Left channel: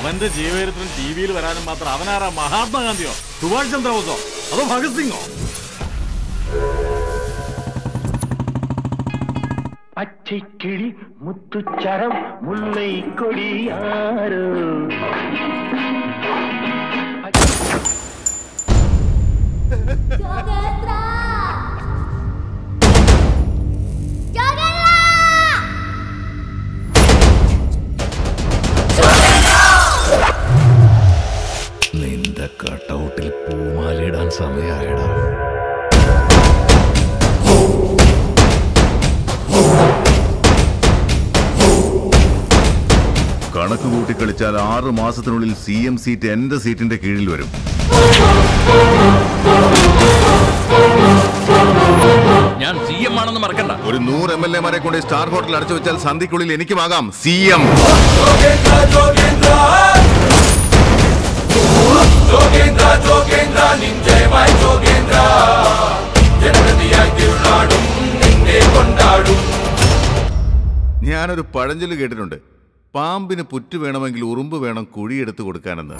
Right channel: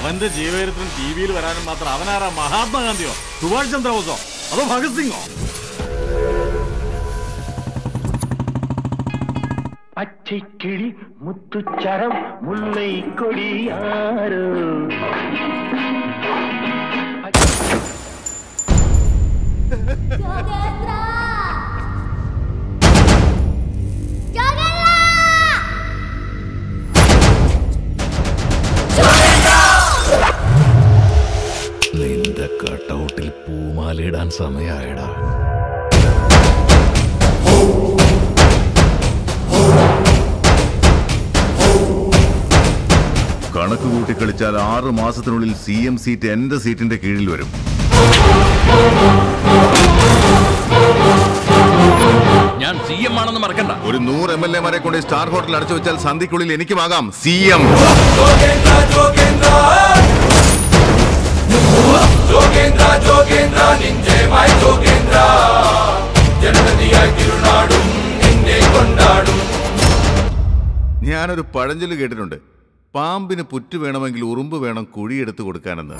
അവന്റെ ജീവചരിത്രം ടി വിയിൽ വരാനും മാത്രം അവനാരാ? മഹാത്മാഗാന്ധിയോ, സുഭാഷ് ചന്ദ്രബോസോ, അതോ ഭഗത് സിംഗോ? പച്ചക്കിളി മുത്തുച്ചരം മുല്ലൈ കൊടിയാരോ നിന്റെ കട്ടൗട്ടിൽ പൂമാലയിടാൻ സമയമായടാ. കണക്ക് കൂട്ടി കളിച്ചാൽ 6 മാസത്തിനുള്ളിൽ CM സീറ്റ് എന്റെ സീറ്റിന്റെ കീഴിൽ വരും. ഞാൻ CM ആണെന്ന് മറക്കണ്ട. ഒരു 100 MLA-മാരെ കൊണ്ട് സ്റ്റാർ ഹോട്ടൽ അടച്ചു വെച്ചാൽ സന്ധിക്കുള്ളിൽ എനിക്കുമാകാം CM. ഞാനൊരു പഴഞ്ചൊല്ല് കേട്ടിട്ടുണ്ട്, പാമ്പിന് പുറ്റ് വേണമെങ്കിൽ ഉറുമ്പ് വേണം കുഴിയെടുത്ത് കൊടുക്കാനെന്ന്.